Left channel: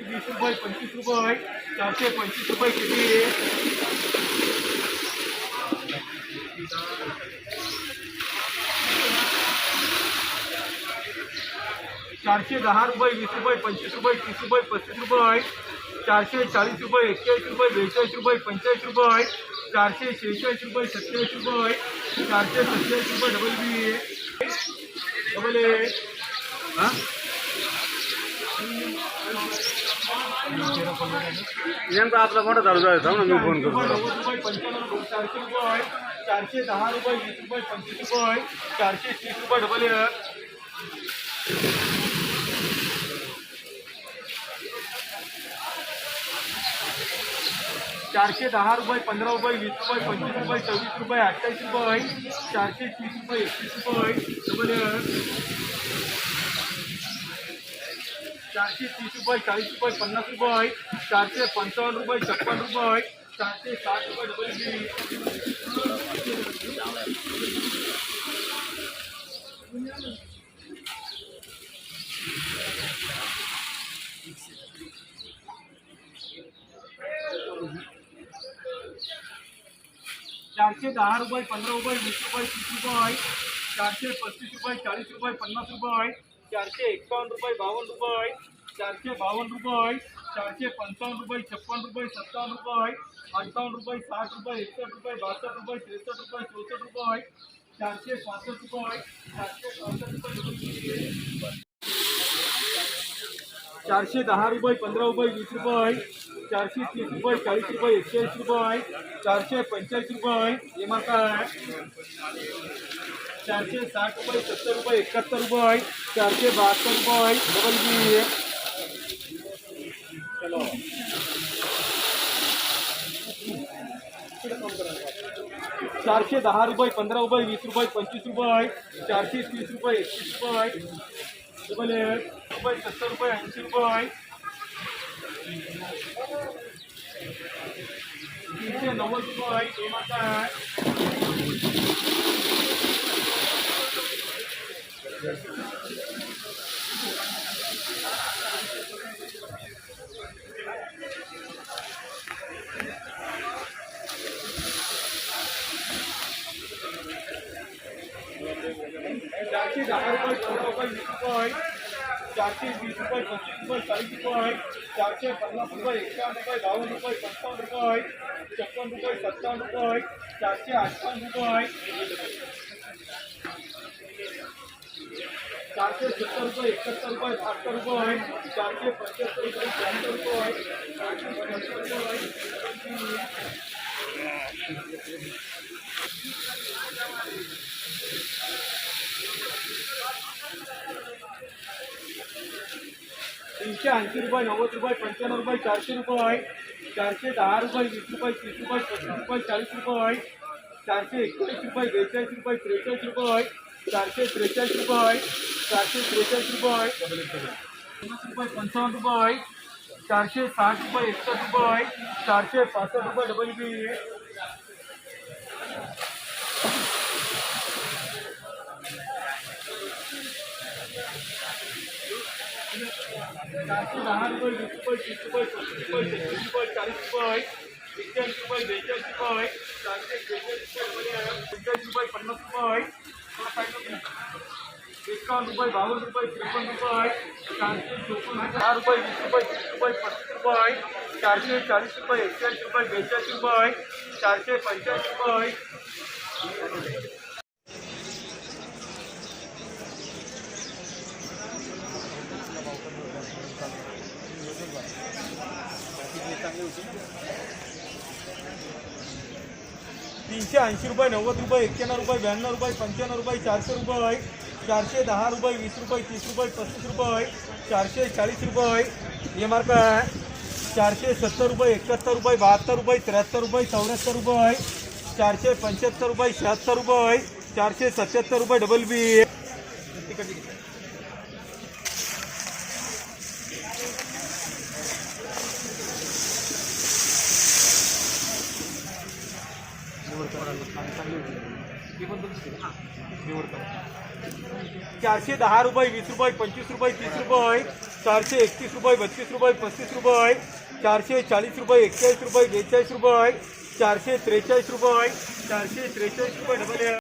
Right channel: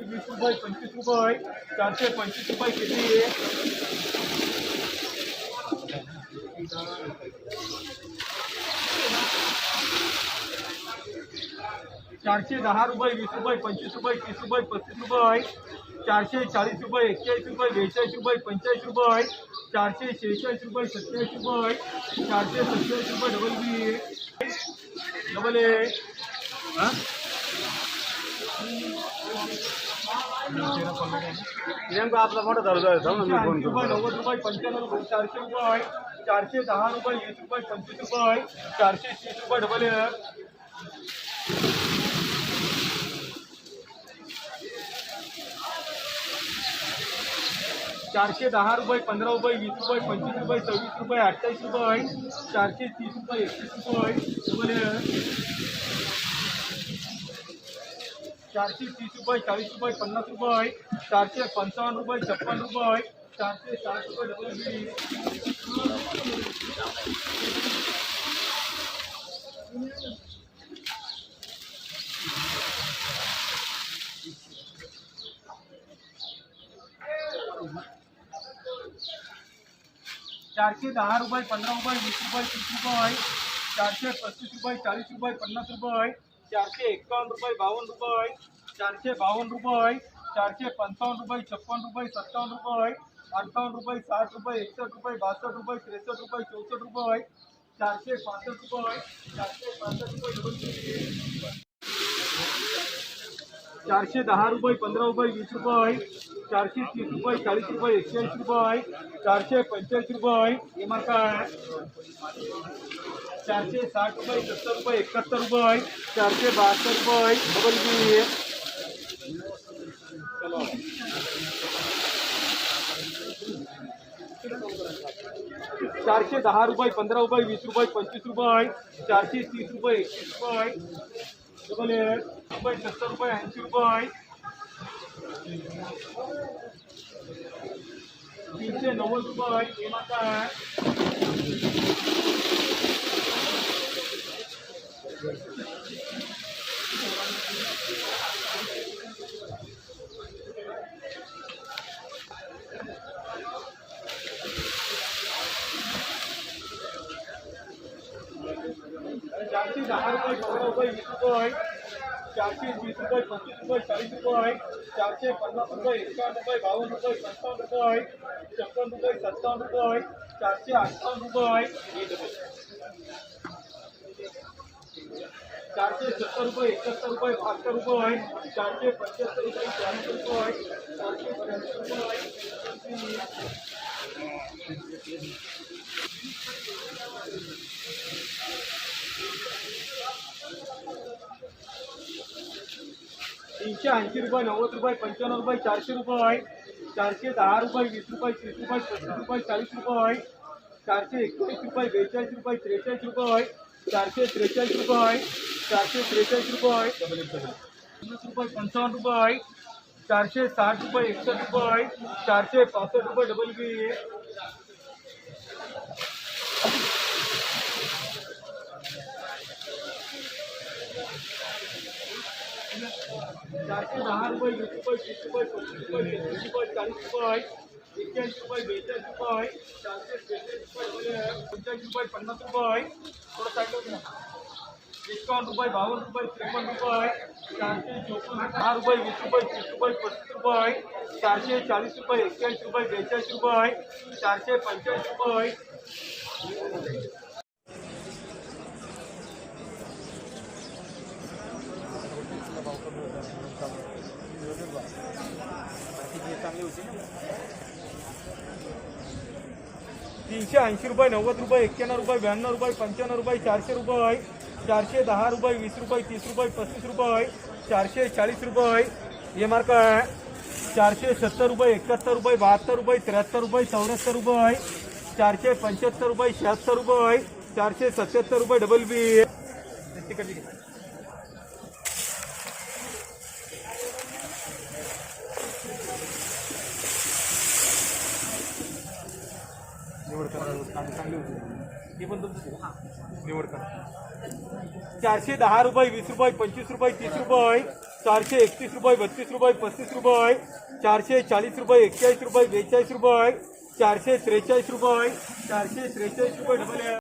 वीस रुपये पंचवीस रुपये चारशे पंचवीस रुपये किती चारशे दहा रुपये वीस रुपये पंचवीस रुपये तीस रुपये पस्तीस रुपये चारशे चाळीस रुपये एक्केचाळीस रुपये बेचाळीस रुपये पंचेचाळीस रुपये चारशे शेहेचाळीस रुपये सत्तेचाळीस रुपये चारशे सत्तेचाळीस रुपये डबल बी डबल ए हाँ नेमका आपला मोठा चालू आहे ना मी फोन रुपये करतो. नव्वद रुपये पंच्याण्णव रुपये चारशे रुपये चारशे दहा रुपये वीस रुपये पंचवीस रुपये चारशे तीस रुपये डबल आहे चारशे दहा रुपये पंधरा रुपये वीस रुपये पंचवीस रुपये सव्वीस रुपये अठ्ठावीस रुपये चारशे तीस रुपये एकतीस रुपये डबल चारशे तीस रुपये, चाळीस रुपये, पन्नास रुपये चारशे पंचावन्न रुपये, छप्पन रुपये चारशे वीस रुपये, तीस रुपये चारशे पस्तीस रुपये, चाळीस रुपये, पन्नास रुपये चारशे एकावन्न रुपये, बावन्न रुपये चारशे बावन्न रुपये चारशे पंचावन्न रुपये, छप्पन रुपये, सत्तावन्न रुपये अठ्ठावन्न रुपये, साठ रुपये, एकसष्ट रुपये, बासष्ट रुपये, त्रेसष्ट रुपये, चौसष्ट रुपये चारशे पासष्ट रुपये चारशे पासष्ट रुपये चारशे दहा रुपये, पंधरा रुपये, वीस रुपये चारशे तीस रुपये, चाळीस रुपये एकशेऐंशी रुपये चारशे पंचेचाळीस रुपये हे चारशे साठ रुपये, सत्तर रुपये, एकाहत्तर रुपये चारशे बहात्तर रुपये डबल चलो. चारशे दहा रुपये वीस रुपये, पंचवीस रुपये चारशे तीस रुपये, एकतीस रुपये डबल एक रुपये सत्तर रुपये, ऐंशी रुपये तीनशे नव्वद रुपये हे मात्र आहे चारशे दहा रुपये पंधरा रुपये वीस रुपये चारशे वीस रुपये पंचवीस रुपये चाळीस रुपये चारशे पन्नास रुपये एकावन्न रुपये बावन्न रुपये पंचावन्न रुपये छप्पन रुपये सत्तावन्न रुपये चारशे रुपये चारशे सत्तर रुपये, एकाहत्तर रुपये, बहात्तर रुपये चारशे पंच्याहत्तर रुपये शहात्तर रुपये चारशे पंच्याहत्तर रुपये तीनशे ऐंशी रुपये, नव्वद रुपये, पंच्याण्णव रुपये, चारशे रुपये चारशे दहा रुपये, वीस रुपये, तीस रुपये, पस्तीस रुपये, चाळीस रुपये चारशे एकोणीस रुपये, बेचाळीस रुपये, त्रेचाळीस रुपये चारशे त्रेचाळीस रुपये चारशे त्रेचाळीस रुपये पन्नास रुपये, पंचावन्न चारशे साठ रुपये, एकसष्ट रुपये चारशे पासष्ट रुपये डबल बी चारशे दहा रुपये, वीस रुपये, तीस रुपये, पस्तीस रुपये छत्तीस रुपये, चाळीस रुपये एक्क्याऐंशी रुपये, बेचाळीस रुपये चारशे बेचाळीस रुपये, पन्नास रुपये थोडं सांगितलं ना एकावन्न रुपये बावन्न रुपये त्रेपन्न रुपये, चारशे चोपन्न दहा रुपये, वीस रुपये, तीस रुपये, पस्तीस रुपये, चारशे चारशे पंच्याऐंशी नव्वद रुपये, एक्क्याण्णव रुपये, ब्याण्णव रुपये, पंच्याण्णव रुपये, चारशे रुपये. चारशे दहा रुपये वीस रुपये तीस रुपये पस्तीस रुपये चारशे चाळीस रुपये ये मार्क आहे. चारशे सत्तर रुपये एकाहत्तर रुपये बहात्तर रुपये त्र्याहत्तर रुपये चौऱ्याहत्तर रुपये चारशे पंच्याहत्तर रुपये शहात्तर रुपये चारशे सत्याहत्तर रुपये डबल बी निवड करा चांगली चांगली होती पण तुमची निवड करा. चारशे दहा रुपये, वीस रुपये, पंचवीस रुपये, तीस रुपये, चारशे एकतीस रुपये, बत्तीस रुपये, पस्तीस रुपये, चारशे चाळीस रुपये, एक्केचाळीस रुपये, बेचाळीस रुपये, चारशे त्रेच रुपये, चारशे त्रेच रुपये